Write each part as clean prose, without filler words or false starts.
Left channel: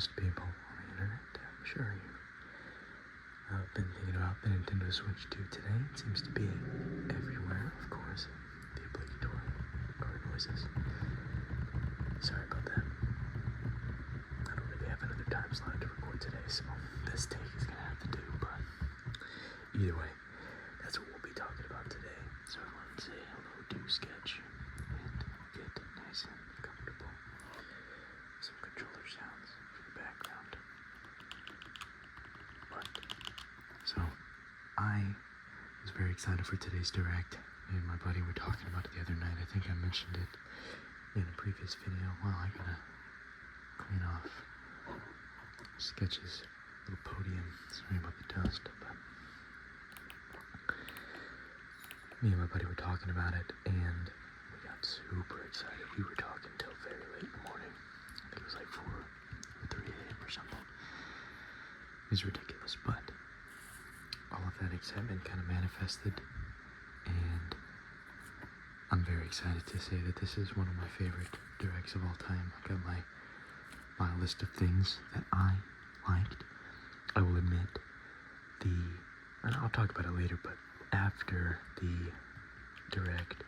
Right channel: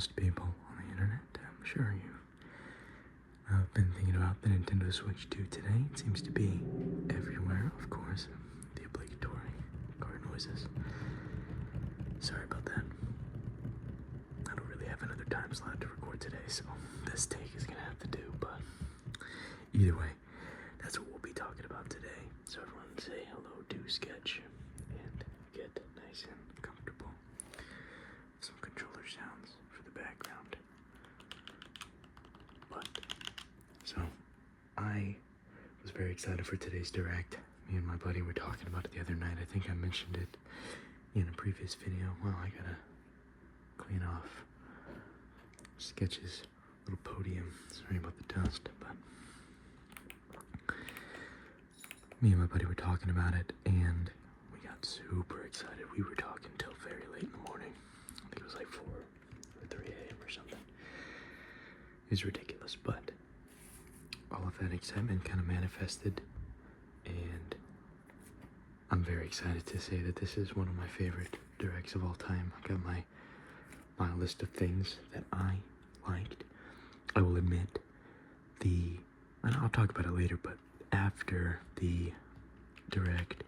most people on the internet, I'm sure you have been thinking about the Nintendo Switch 2 today. It seems to be everywhere, of course. The obligatory car noises. Sorry about that. I don't really have another time slot to record today, so this take is gonna have to do, but either way, that's what we'll be talking about today. So everyone say hello to Sketch and get nice and comfortable. Some controller sounds for the background. So I was very excited for today's Direct. Me and my buddy were talking about it the other night. I think I mentioned it in a previous video. Well, I gotta clean off Sketch's little podium. Sorry about the dust, but me and my buddy were talking about it, and we got super excited. We were talking till very late in the morning. I think it was like 4 or 3 a.m. or something. It was ridiculous, but all of that excitement kind of manifested, and I'm very excited to say that this is one of my favorite Directs of all time. I got my list of things that I liked. I will admit, and I'll talk about it later, but after the Direct,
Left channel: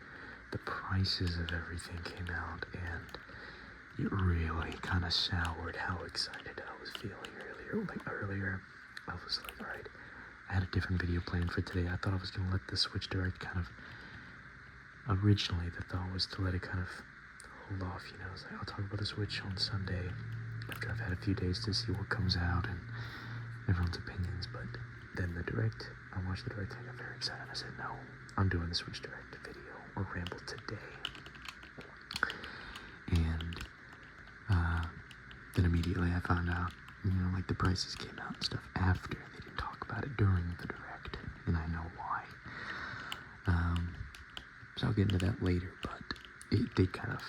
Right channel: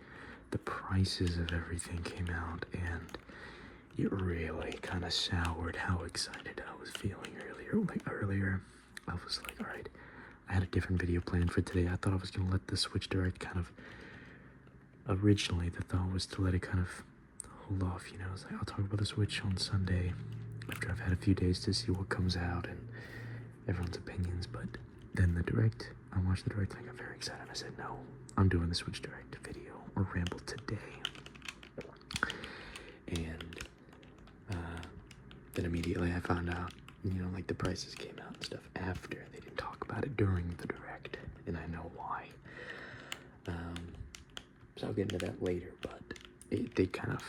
the prices of everything came out, and it really kind of soured how excited I was feeling earlier. I was like, all right, I had a different video planned for today. I thought I was going to let the Switch Direct originally the thought was to let it kind of hold off, I was like, I'll talk about the Switch on Sunday after I've had a few days to see what comes out and everyone's opinions. But then the Direct, I watched the Direct, I got very excited. I said, no, I'm doing the Switch Direct video or ramble today. And then immediately I found out, like the prices came out and stuff after. They didn't talk about it during the Direct, and I know why. So I'll get into that later, but it did kind of,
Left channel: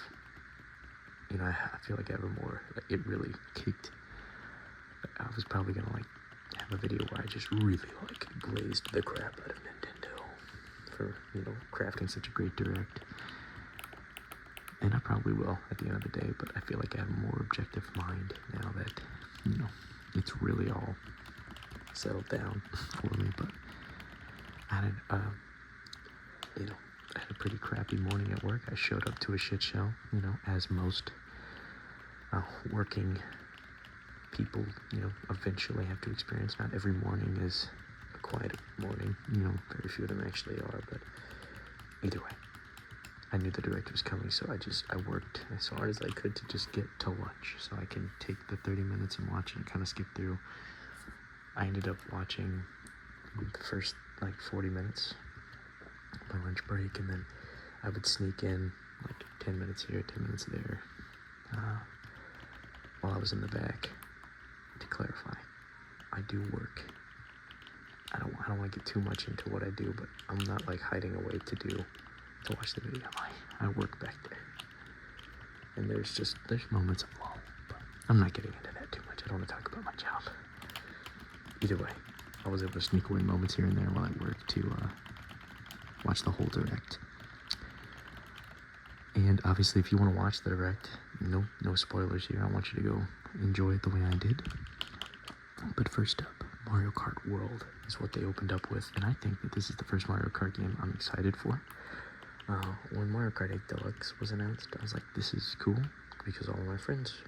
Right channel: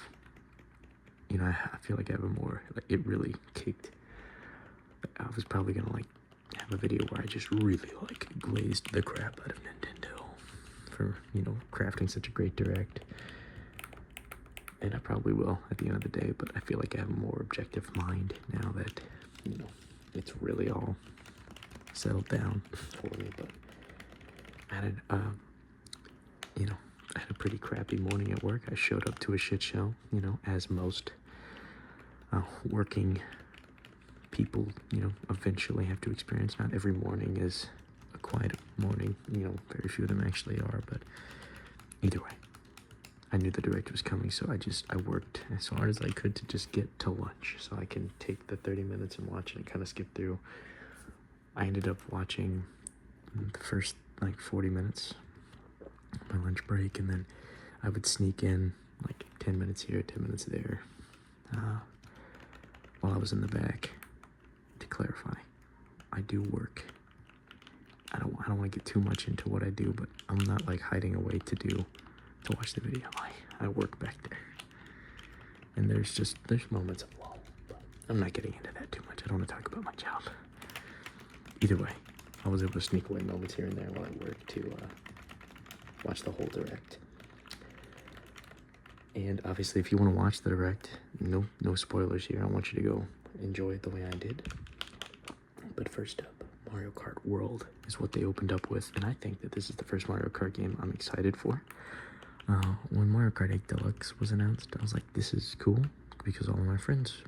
I feel like it really kicked. I was probably gonna have a video where I just really glazed the crap out of Nintendo for, crafting such a great Direct. And I probably will at the end of the day, but I feel like I have a more objective mind now that, it's really all settled down for me. But I had I had a pretty crappy morning at work. I showed up to a shit show, as most working people, eventually have to experience. Not every morning is a quiet morning, very few of them actually are, but either way. I knew the Direct was coming, so I worked as hard as I could to just get to lunch so I can take the 30 minutes and watch it and kind of skip through. I ended up watching the first 40 minutes, my lunch break, and then I would sneak in 10 minutes here, 10 minutes there, while I was in the back. To clarify, I do work. I don't want to get too much into what I do, but I'm not hiding away to watch the video. I work back there, and there's moments of lull, but I'm not getting into that too much. I don't want to talk about my job. Either way, I was able to sneak away moments here and there while I work to watch the whole Direct. And obviously, if you want to watch the Direct, no spoilers here. I want you to go enjoy it the way I did. But first up, Mario Kart World is what they opened up with, and I think that this is the first Mario Kart game I'm excited for. When Mario Kart 8 Deluxe was announced, I was like, this is cool, because all of my friends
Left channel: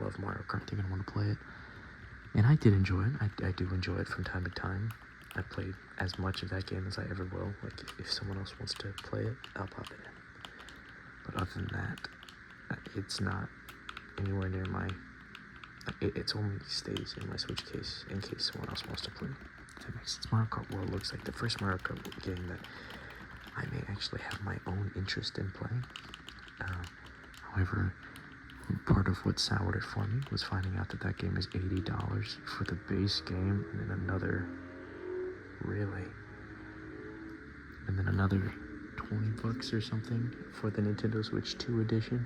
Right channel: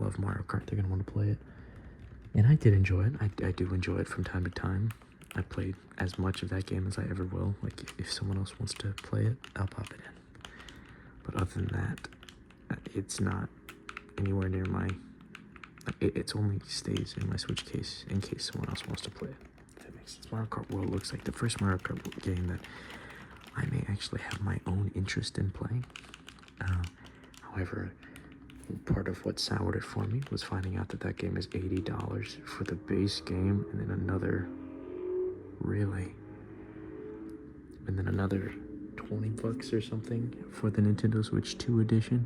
love Mario Kart. They're going to want to play it. And I did enjoy it. I do enjoy it from time to time. I played as much of that game as I ever will. If someone else wants to play it, I'll pop it in. But other than that, it's not anywhere near my... It's only stays in my Switch case in case someone else wants to play it. If that makes sense. Mario Kart World looks like the first Mario Kart game that I may actually have my own interest in playing. However, part of what soured it for me was finding out that game is $80 for the base game, and then another 20 bucks or something for the Nintendo Switch 2 edition.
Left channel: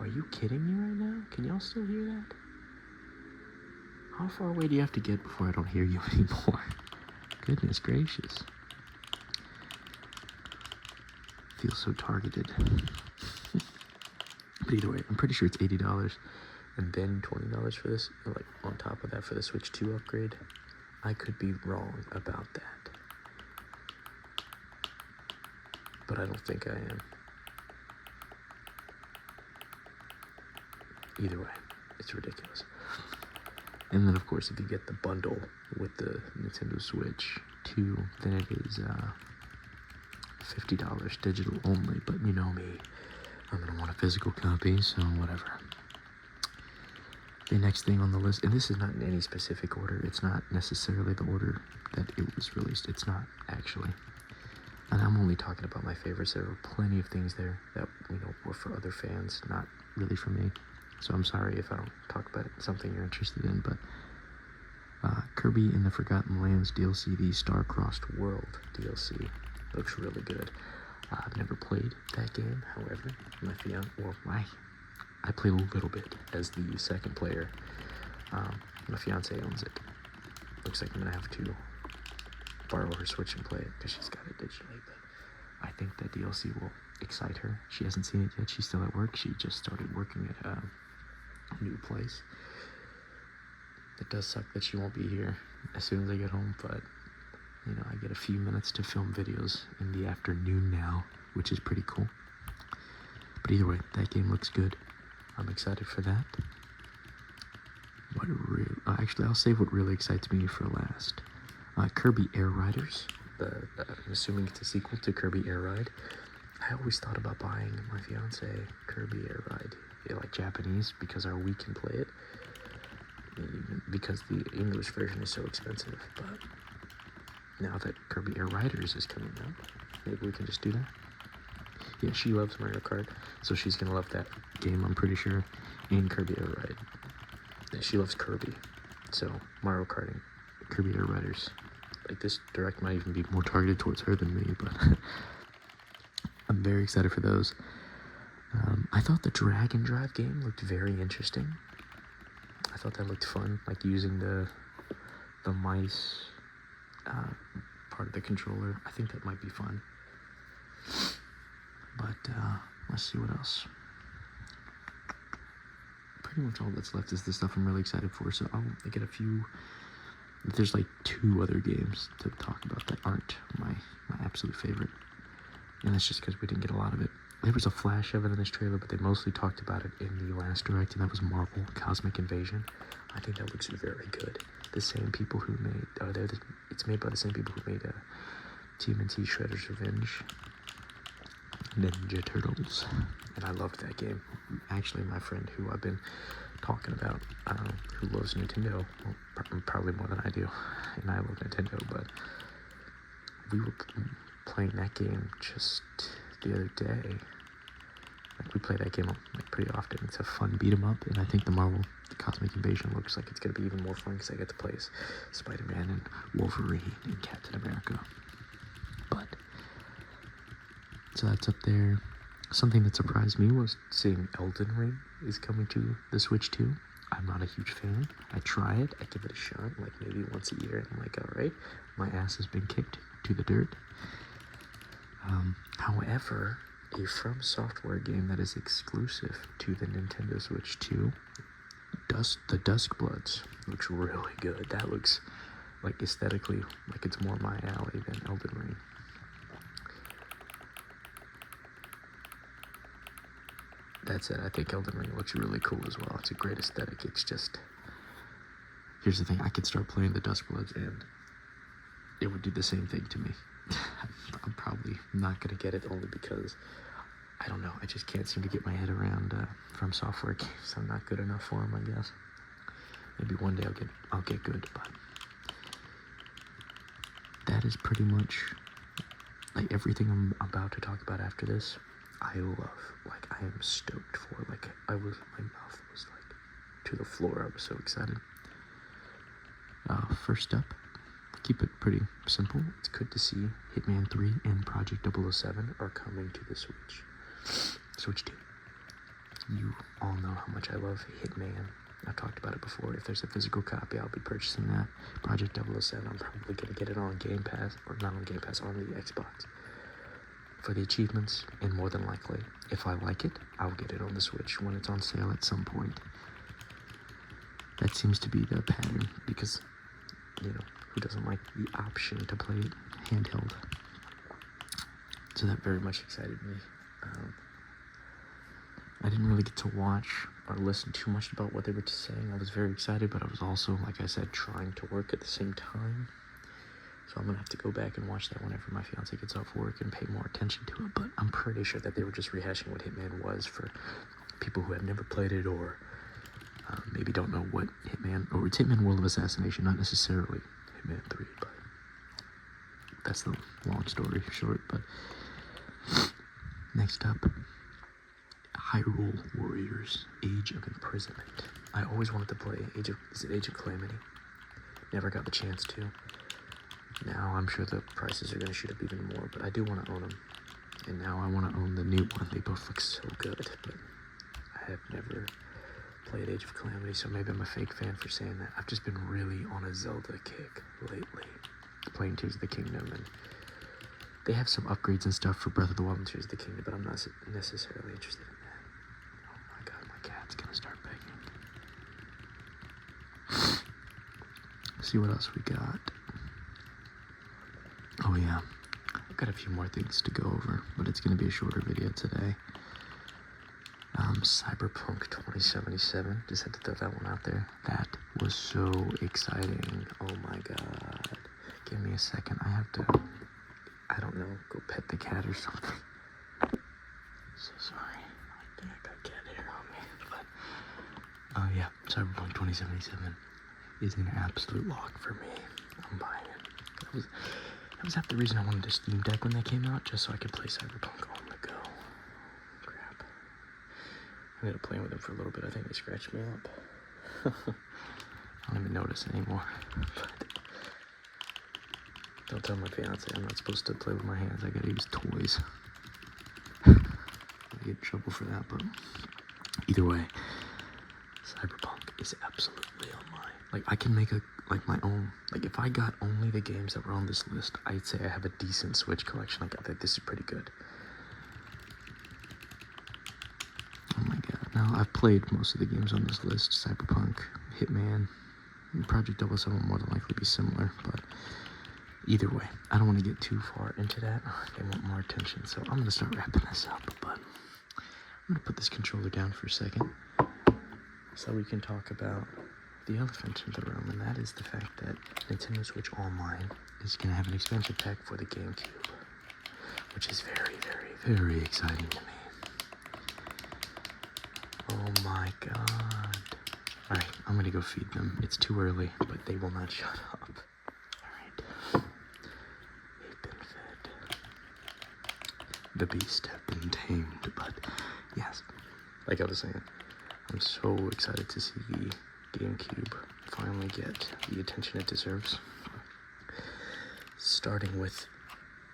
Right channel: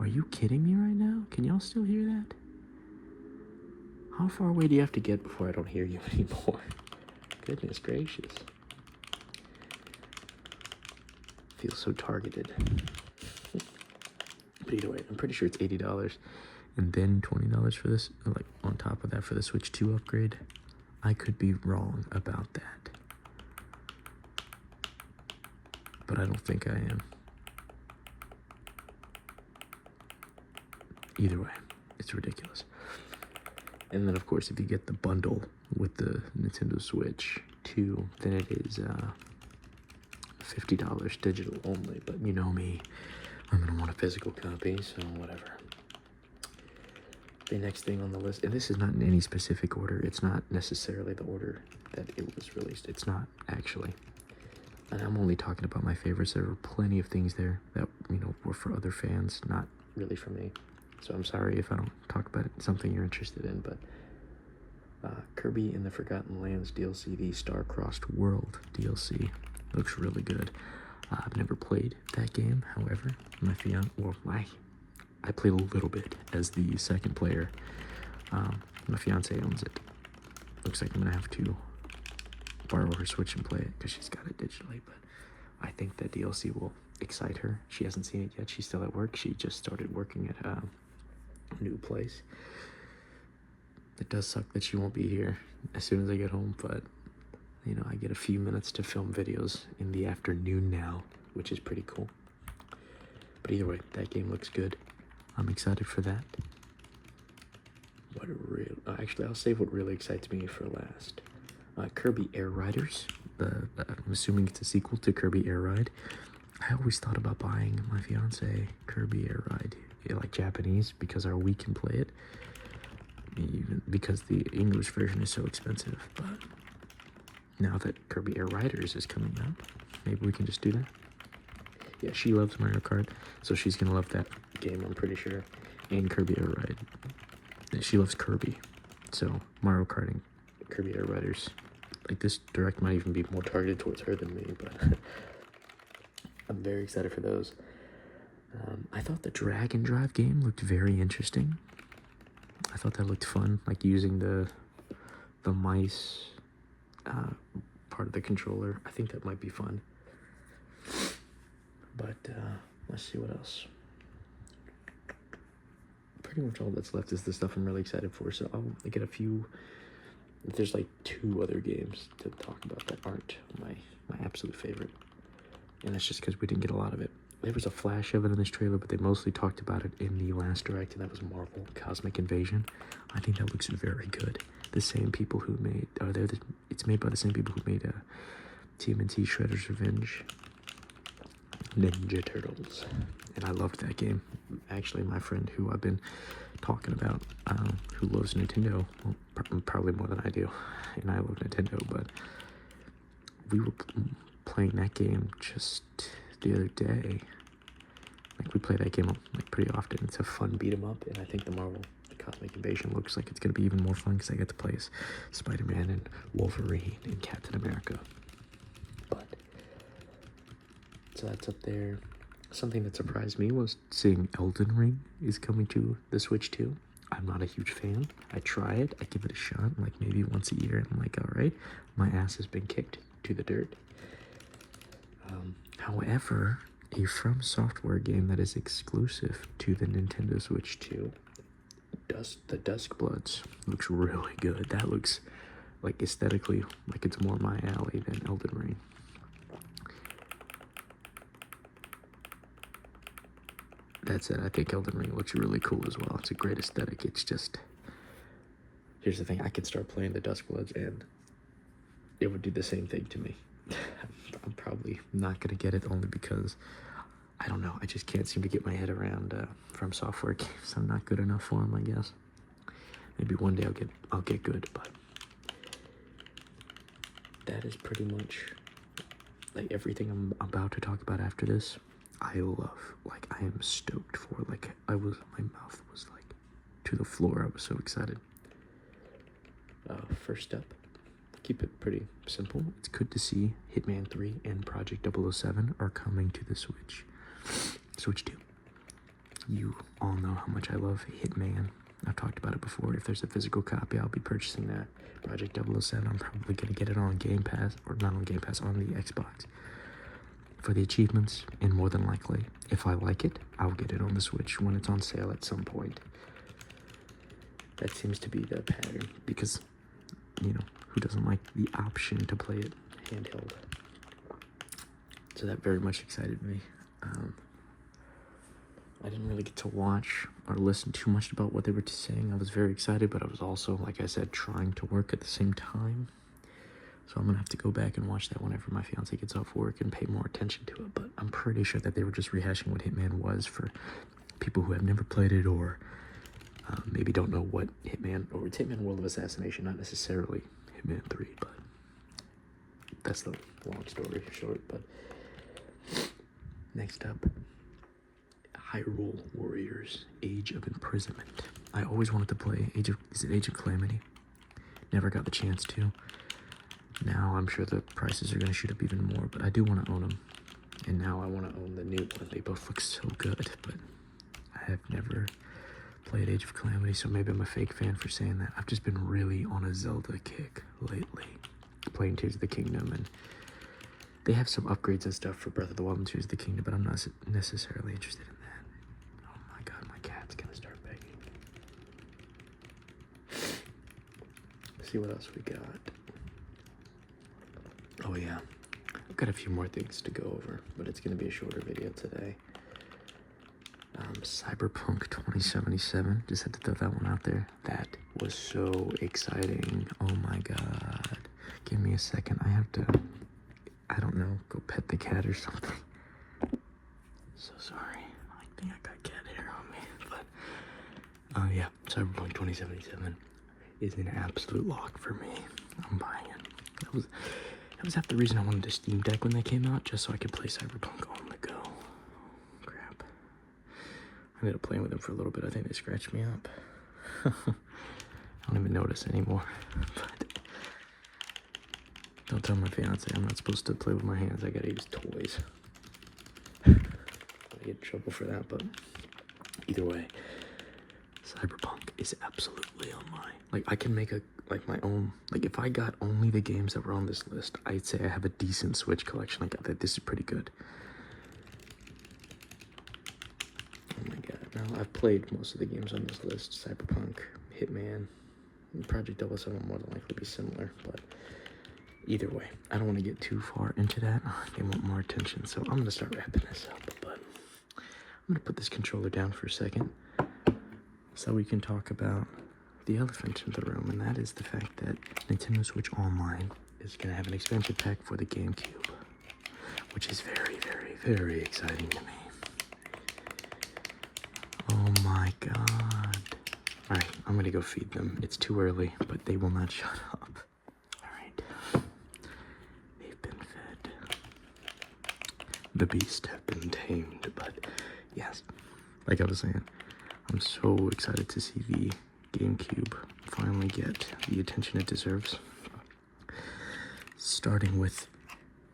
Are you kidding me right now? Can y'all still hear that? How far away do you have to get before I don't hear you anymore? Goodness gracious. Feel so targeted. But either way, I'm pretty sure it's $80 and then $20 for this, like on top of that for the Switch 2 upgrade. I could be wrong about that, but I don't think I am. Either way, it's ridiculous. And then of course, if you get the bundle with the Nintendo Switch 2, then it is $50 digital only. But you know me, I'm gonna want a physical copy, so whatever. The next thing on the list, and this is not in any specific order, it's not necessarily the order that it was released, it's not actually. And I'm only talking about my favorites. There were plenty of things there that, you know, were for other fans, not really for me. So I'm sorry if I don't talk about something you're interested in, but Kirby in the Forgotten Lands DLC, the Star-Crossed World DLC, looks really good. I've never played that game, however, I played a little bit as the second player. My fiance owns it. Looks like I'm gonna have to borrow her Switch and play it because she's got it digitally. But I think that DLC will excite her. She hasn't seen it yet. She's still at work. She just started working at a new place. It does suck that she won't be here as soon as I get home, but you know, I get a few minutes to film videos in the afternoon now, which is pretty cool. But either way, that game looks good. I'm excited for that. Actually, I'll save what really excites me for last. Kirby Air Riders. I'm assuming it's a sequel to Kirby Air Ride. I always thought about buying my fiance Kirby Air Ride, like Japanese, because we can play it. Even because the English version is so expensive. But now that Kirby Air Riders is coming out, maybe we can just do that. Yeah, she loves Mario Kart, so she's gonna love that game, I'm pretty sure. And Kirby Air Ride. She loves Kirby, so Mario Kart and Kirby Air Riders. Like, this direct might even be more targeted towards her than me, but I'm very excited for those. I thought the Drag and Drive game looked very interesting. I thought that looked fun, like using the mice part of the controller. I think that might be fun. But let's see what else. Pretty much all that's left is the stuff I'm really excited for. So I'll get a few. There's like 2 other games to talk about that aren't my absolute favorite, and that's just because we didn't get a lot of it. There was a flash of it in this trailer, but they mostly talked about it in the last direct, and that was Marvel Cosmic Invasion. I think that looks very good. The same people who made, it's made by the same people who made TMNT Shredder's Revenge, Ninja Turtles, and I loved that game. Actually, my friend who I've been talking about, who loves Nintendo, well, probably more than I do, and I love Nintendo, but we were playing that game just the other day. Like, we play that game like pretty often. It's a fun beat 'em up, and I think the Marvel Cosmic Invasion looks like it's gonna be even more fun because I get to play as Spider-Man and Wolverine and Captain America. But so that's up there. Something that surprised me was seeing Elden Ring is coming to the Switch 2. I'm not a huge fan. I try it, I give it a shot, like maybe once a year, and I'm like, alright, my ass has been kicked to the dirt. However, a From Software game that is exclusive to the Nintendo Switch 2, the Dusk Bloods, looks really good. That looks like aesthetically like it's more my alley than Elden Ring. That said, I think Elden Ring looks really cool as well. It's a great aesthetic. It's just, here's the thing, I could start playing the Dusk Bloods and it would do the same thing to me. I'm probably not going to get it only because, I don't know, I just can't seem to get my head around From Software games. I'm not good enough for them, I guess. Maybe one day I'll get good, but that is pretty much like everything I'm about to talk about after this. I love, like, I am stoked for, like, my mouth was like to the floor. I was so excited. First up, keep it pretty simple. It's good to see Hitman 3 and Project 007 are coming to the Switch 2. You all know how much I love Hitman. I've talked about it before. If there's a physical copy, I'll be purchasing that. Project 007, I'm probably going to get it on Game Pass, or not on Game Pass, on the Xbox, for the achievements, and more than likely, if I like it, I'll get it on the Switch when it's on sale at some point. That seems to be the pattern because, you know, who doesn't like the option to play it handheld? So that very much excited me. I didn't really get to watch or listen too much about what they were saying. I was very excited, but I was also, like I said, trying to work at the same time. So I'm gonna have to go back and watch that whenever my fiance gets off work and pay more attention to it. But I'm pretty sure that they were just rehashing what Hitman was for people who have never played it or maybe don't know what Hitman, or it's Hitman World of Assassination, not necessarily Hitman 3, but that's the long story short. But next up, Hyrule Warriors, Age of Imprisonment. I always wanted to play Age of Calamity. Never got the chance to. Now I'm sure the prices are going to shoot up even more, but I do want to own them. And now I want to own the new one. They both look so good, but I have never played Age of Calamity, so maybe I'm a fake fan for saying that. I've just been really on a Zelda kick lately. Playing Tears of the Kingdom, and they have some upgrades and stuff for Breath of the Wild and Tears of the Kingdom, but I'm not necessarily interested in that. Oh my god, my cat's gonna start begging. Let's see what else we got. Oh yeah, I've got a few more things to go over, but it's gonna be a shorter video today. Cyberpunk 2077, just had to throw that one out there. That was so exciting. Oh my god. Give me a second, I have to, I don't know, go pet the cat or something. So sorry, I think I got cat hair on me, but, yeah, Cyberpunk 2077 is an absolute lock for me. I'm buying it. That was half the reason I wanted a Steam Deck when they came out, just so I could play Cyberpunk on the go. Crap. I ended up playing with them for a little bit. I think they scratched me up. I don't even notice anymore. But don't tell my fiance I'm not supposed to play with my hands. I gotta use toys. I get in trouble for that, but either way, Cyberpunk is absolutely on my, like, I can make my own, like, if I got only the games that were on this list, I'd say I have a decent Switch collection. Like, that this is pretty good. Oh my god. Now, I've played most of the games on this list. Cyberpunk, Hitman, and Project 007 will more than likely be similar, but either way, I don't want to get too far into that. They want more attention, so I'm going to start wrapping this up, but I'm going to put this controller down for a second so we can talk about the elephant in the room, and that is the fact that Nintendo Switch Online is going to have an expansion pack for the GameCube, which is very, very, very exciting to me. Oh my god. Alright, I'm going to go feed them. It's too early, but they will not shut up. Alright. They've been fed. The beast have been tamed, but yes, like I was saying, I'm so excited to see the GameCube finally get the attention it deserves. Starting with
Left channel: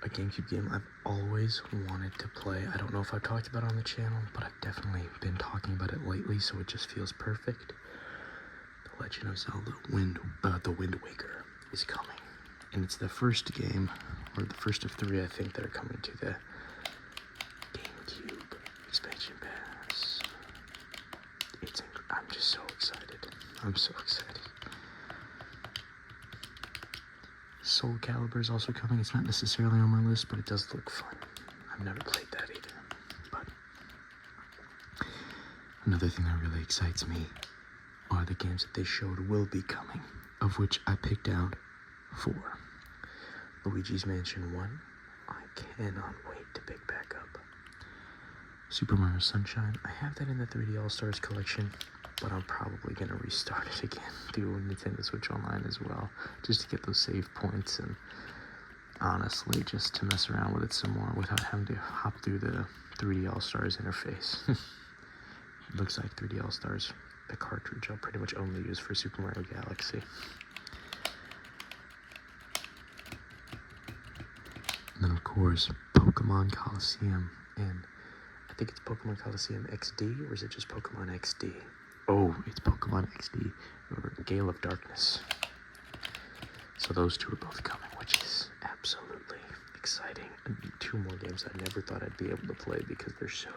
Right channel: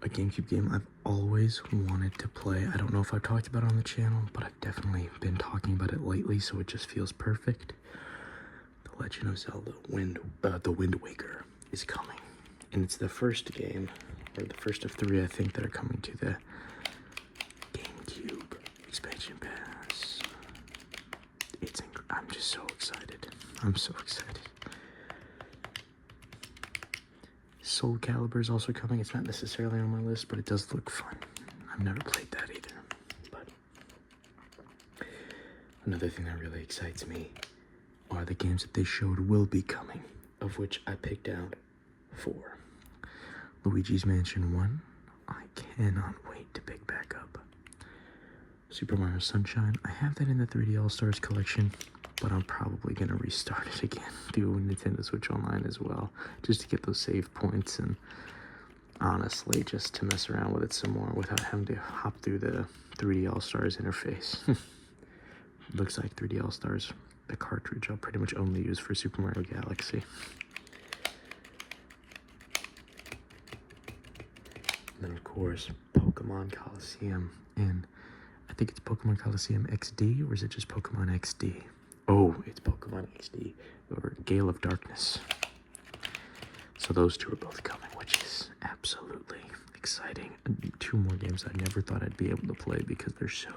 a GameCube game I've always wanted to play. I don't know if I've talked about it on the channel, but I've definitely been talking about it lately, so it just feels perfect. The Legend of Zelda The Wind Waker is coming. And it's the first game, or the first of 3, I think, that are coming to the GameCube expansion pass. I'm just so excited. I'm so excited. Soul Calibur is also coming. It's not necessarily on my list, but it does look fun. I've never played that either. But another thing that really excites me are the games that they showed will be coming, of which I picked out 4. Luigi's Mansion 1. I cannot wait to pick back up. Super Mario Sunshine. I have that in the 3D All-Stars collection, but I'm probably going to restart it again through Nintendo Switch Online as well, just to get those save points and honestly just to mess around with it some more without having to hop through the 3D All-Stars interface. Looks like 3D All-Stars, the cartridge I'll pretty much only use for Super Mario Galaxy. And then of course, Pokemon Coliseum, and I think it's Pokemon Coliseum XD, or is it just Pokemon XD? Oh, it's Pokemon XD, or Gale of Darkness. So those 2 are both coming, which is absolutely exciting. And 2 more games I never thought I'd be able to play because they're so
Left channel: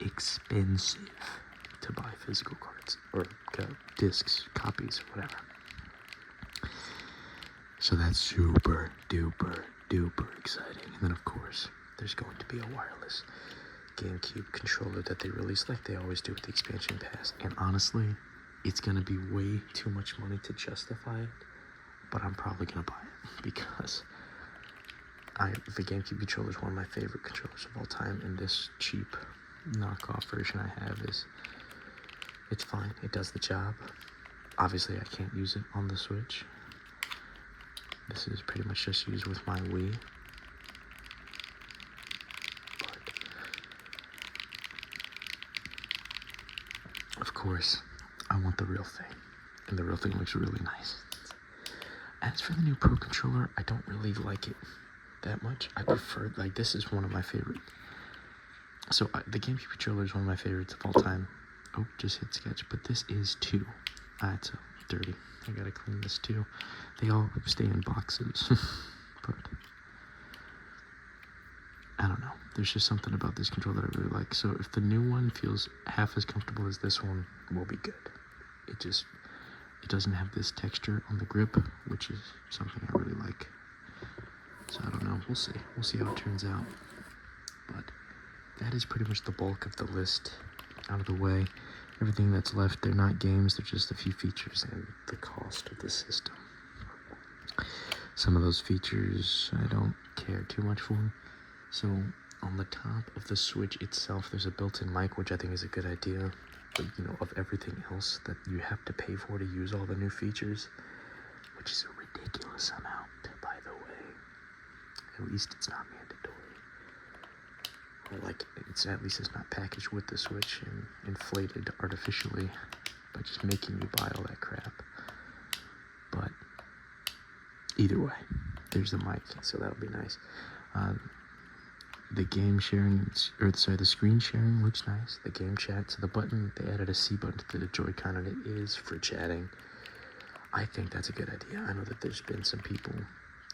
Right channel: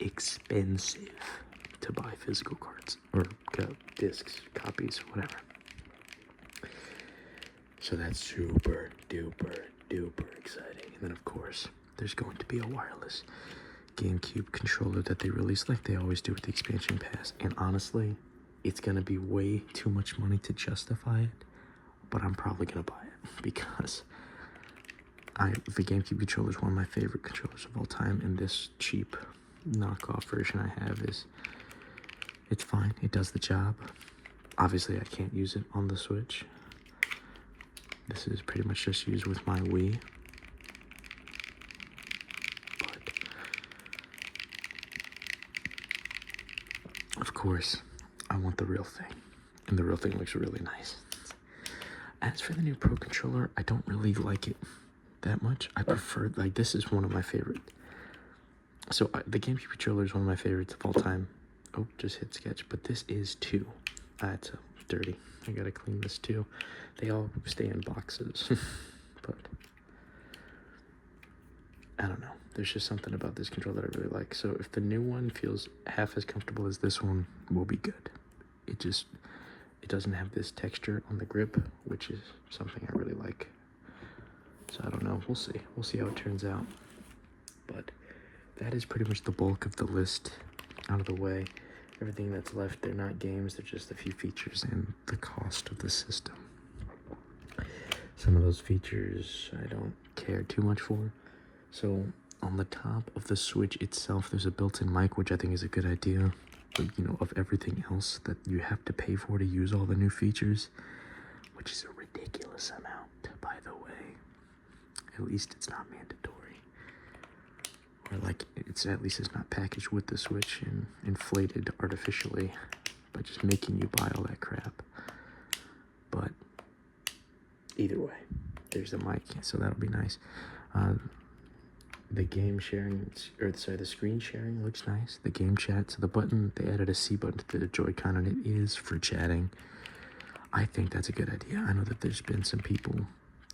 expensive to buy physical cards or discs, copies, whatever. So that's super duper exciting. And then of course, there's going to be a wireless GameCube controller that they release like they always do with the expansion pass. And honestly, it's going to be way too much money to justify it, but I'm probably going to buy it because the GameCube controller is one of my favorite controllers of all time, and this cheap knockoff version I have it's fine. It does the job. Obviously, I can't use it on the Switch. This is pretty much just used with my Wii. But, of course, I want the real thing. And the real thing looks really nice. As for the new Pro Controller, I don't really like it that much. I prefer, like, this is one of my favorite. So, the GameCube controller is one of my favorites of all time. Oh, just hit sketch. But this is too. It's dirty. I gotta clean this too. They all stay in boxes. But I don't know. There's just something about this controller that I really like. So if the new one feels half as comfortable as this one, we'll be good. It doesn't have this texture on the grip, which is something I really like. So I don't know. We'll see. We'll see how it turns out. But that is pretty much the bulk of the list out of the way. Everything that's left, they're not games, they're just a few features and the cost of the system. Some of those features I don't care too much for. So on the top of the Switch itself, there's a built-in mic, which I think is a good idea. But, you know, of everything else that you have to pay for to use all the new features, which is a ridiculous amount, by the way. At least it's not mandatory. Like, at least it's not packaged with the Switch and inflated artificially by just making you buy all that crap. But either way, there's the mic, so that'll be nice. The game sharing, the screen sharing looks nice. The game chat, so the button, they added a C button to the Joy-Con, and it is for chatting. I think that's a good idea. I know that there's been some people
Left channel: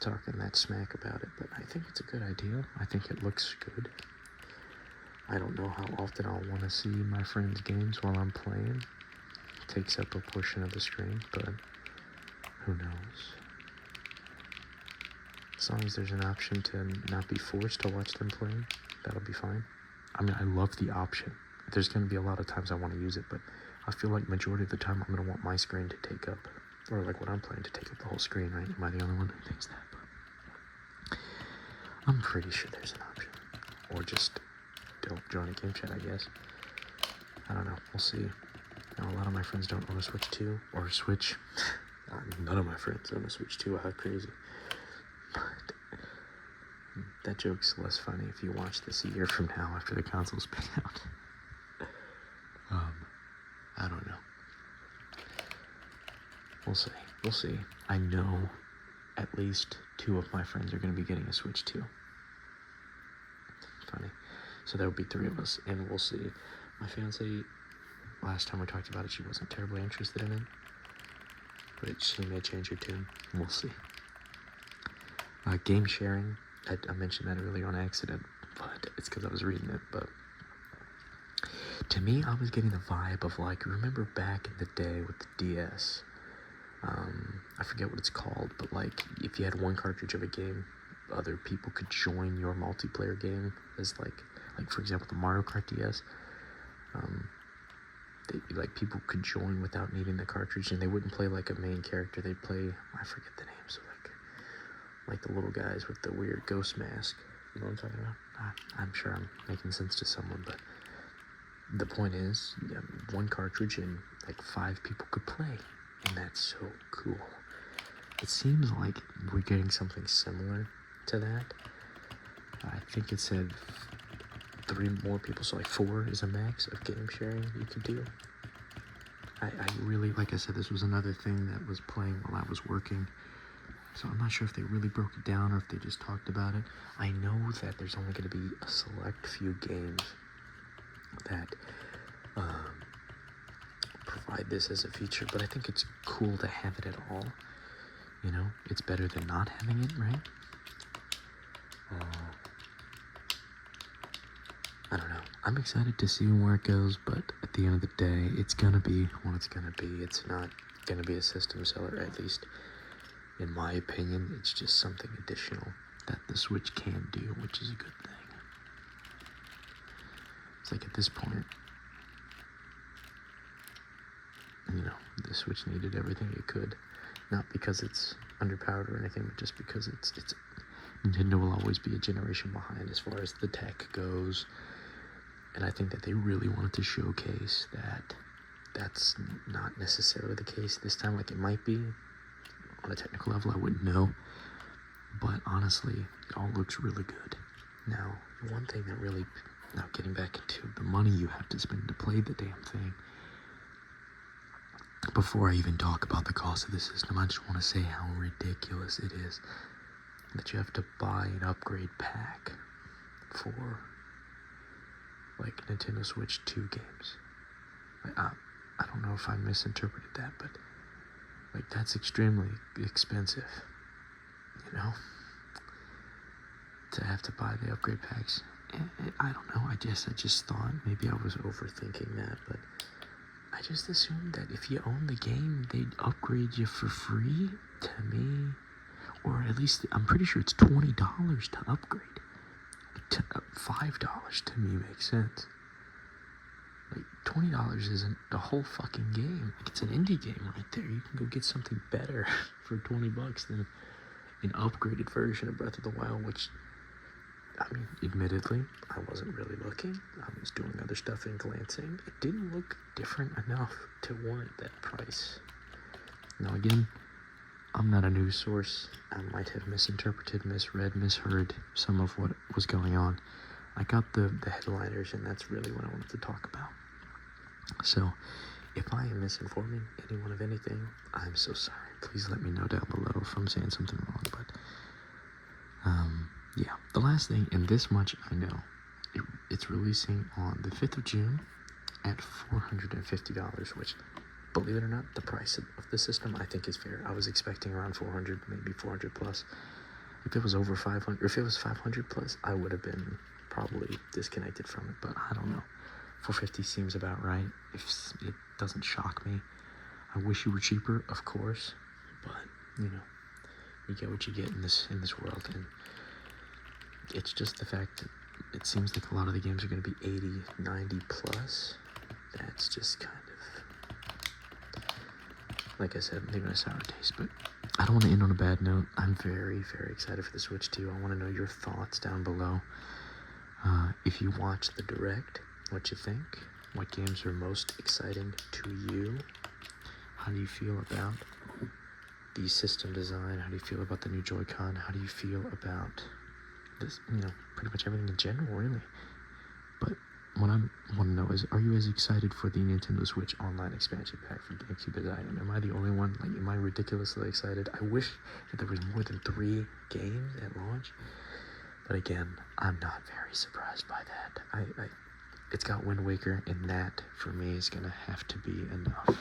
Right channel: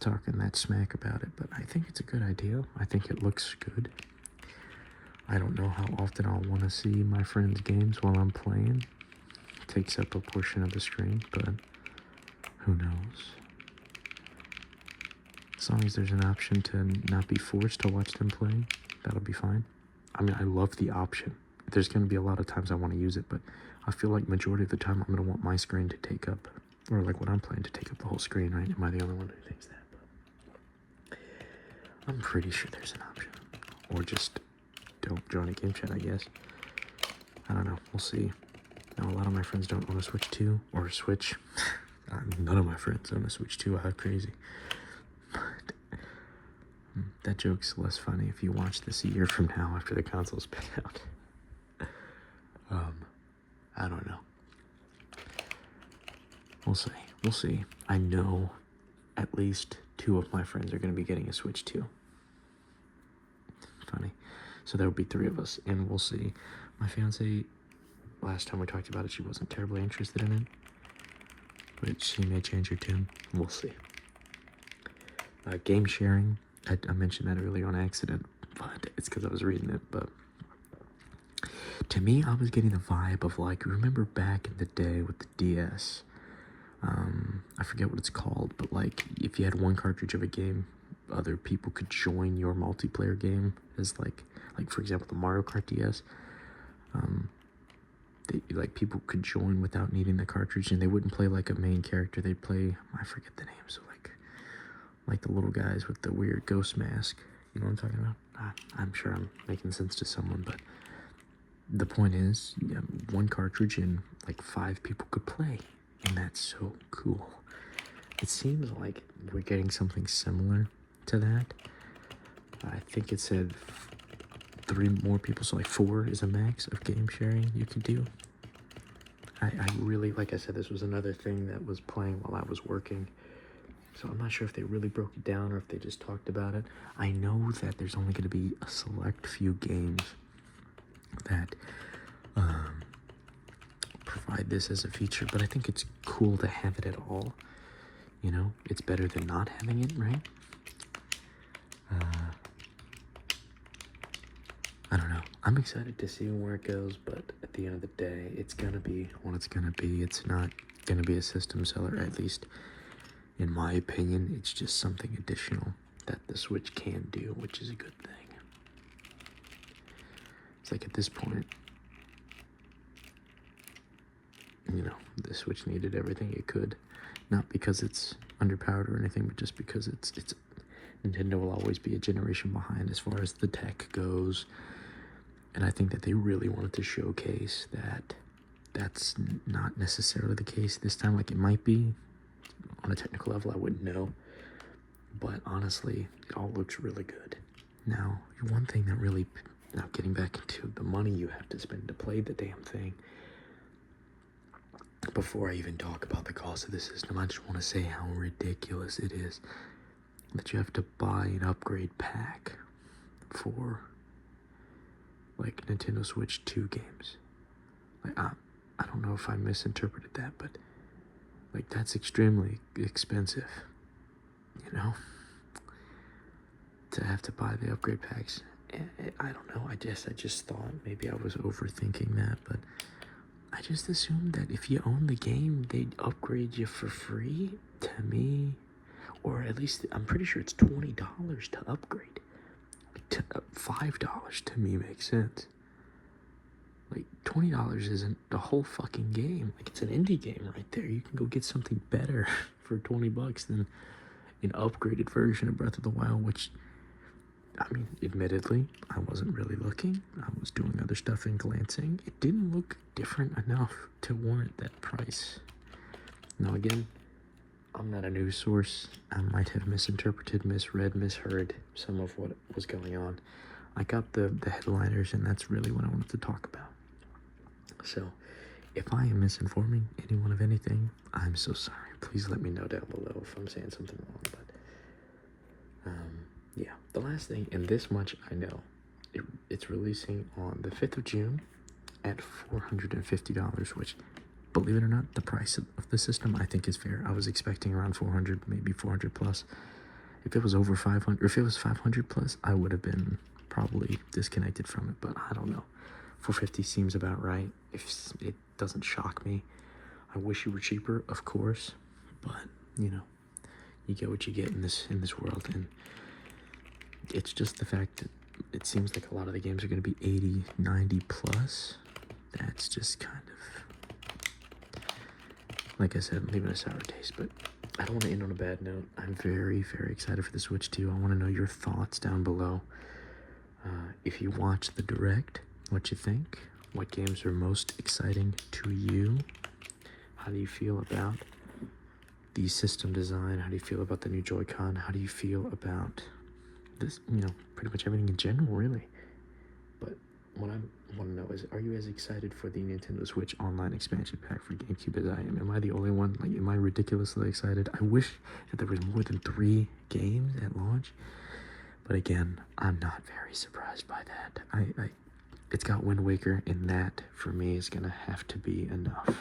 talking that smack about it, but I think it's a good idea. I think it looks good. I don't know how often I'll want to see my friends' games while I'm playing. It takes up a portion of the screen, but who knows? As long as there's an option to not be forced to watch them play, that'll be fine. I mean, I love the option. There's going to be a lot of times I want to use it, but I feel like majority of the time I'm going to want my screen to take up, or like when I'm playing, to take up the whole screen, right? Am I the only one that thinks that? But I'm pretty sure there's an option. Or just don't join a game chat, I guess. I don't know. We'll see. Now, a lot of my friends don't own a Switch 2 or a Switch. None of my friends own a Switch 2. How crazy. But that joke's less funny if you watch this a year from now after the console's pay out. I don't know. We'll see. We'll see. I know at least 2 of my friends are going to be getting a Switch 2. Funny. So there will be 3 of us, and we'll see. My fiance, last time we talked about it, she wasn't terribly interested in it. But she may change her tune. We'll see. Game sharing. I mentioned that earlier on accident, but it's because I was reading it. But to me, I was getting the vibe of, like, remember back in the day with the DS? I forget what it's called, but, like, if you had one cartridge of a game, other people could join your multiplayer game as, like for example, the Mario Kart DS. People could join without needing the cartridge, and they wouldn't play like a main character. They'd play, I forget the name, so like the little guys with the weird ghost mask. You know what I'm talking about? I'm sure I'm making sense to someone, but the point is, one cartridge and like 5 people could play, and that's so cool. It seems like we're getting something similar to that. I think it said 3 more people, so like 4 is a max of game sharing you can do. I really, like I said, this was another thing that was playing while I was working, so I'm not sure if they really broke it down or if they just talked about it. I know that there's only going to be a select few games that provide this as a feature, but I think it's cool to have it at all. You know, it's better than not having it, right? I don't know. I'm excited to see where it goes, but at at the end of the day, it's gonna be what it's gonna be. It's not gonna be a system seller, at least in my opinion. It's just something additional that the Switch can do, which is a good thing. It's like at this point, you know, the Switch needed everything it could. Not because it's underpowered or anything, but just because it's Nintendo will always be a generation behind as far as the tech goes. And I think that they really wanted to showcase that that's not necessarily the case this time. Like, it might be on a technical level, I wouldn't know. But honestly, it all looks really good. Now, the one thing that really, now getting back into the money you have to spend to play the damn thing, before I even talk about the cost of the system, I just want to say how ridiculous it is that you have to buy an upgrade pack for, like, Nintendo Switch 2 games. Like, I don't know if I misinterpreted that, but, like, that's extremely expensive, you know? To have to buy the upgrade packs. I don't know, I just thought maybe I was overthinking that, but I just assumed that if you own the game, they'd upgrade you for free. To me, or at least I'm pretty sure it's $20 to upgrade. $5 to me makes sense. Like, $20 isn't the whole fucking game. Like, it's an indie game right there. You can go get something better for $20 than an upgraded version of Breath of the Wild, which, I mean, admittedly, I wasn't really looking. I was doing other stuff and glancing. It didn't look different enough to warrant that price. Now, again, I'm not a news source. I might have misinterpreted, misread, misheard some of what was going on. I got the headliners, and that's really what I wanted to talk about. So, if I am misinforming anyone of anything, I'm so sorry. Please let me know down below if I'm saying something wrong. But, yeah, the last thing, and this much I know, it's releasing on the 5th of June at $450, which, believe it or not, the price of the system I think is fair. I was expecting around 400, maybe 400 plus. If it was over 500, or if it was 500 plus, I would have been probably disconnected from it, but I don't know. 450 seems about right. If it doesn't shock me. I wish it were cheaper, of course, but you know, you get what you get in this world, and it's just the fact that it seems like a lot of the games are going to be 80, 90 plus. That's just kind of, like I said, I'm leaving a sour taste, but I don't want to end on a bad note. I'm very, very excited for the Switch 2. I want to know your thoughts down below. If you watch the Direct, what you think? What games are most exciting to you? How do you feel about the system design? How do you feel about the new Joy-Con? How do you feel about this, you know, pretty much everything in general, really? But what I want to know is, are you as excited for the Nintendo Switch Online expansion pack for GameCube as I am? Am I the only one? Like, am I ridiculously excited? I wish that there was more than 3 games at launch. But again, I'm not very surprised by that. It's got Wind Waker, and that, for me, is going to have to be enough.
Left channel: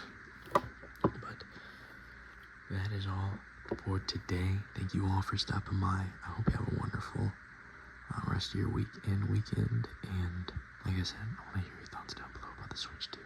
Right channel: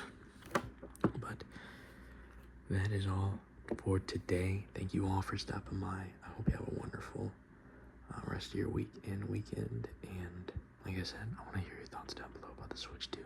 But that is all for today. Thank you all for stopping by. I hope you have a wonderful rest of your week and weekend. And like I said, I want to hear your thoughts down below about the Switch 2.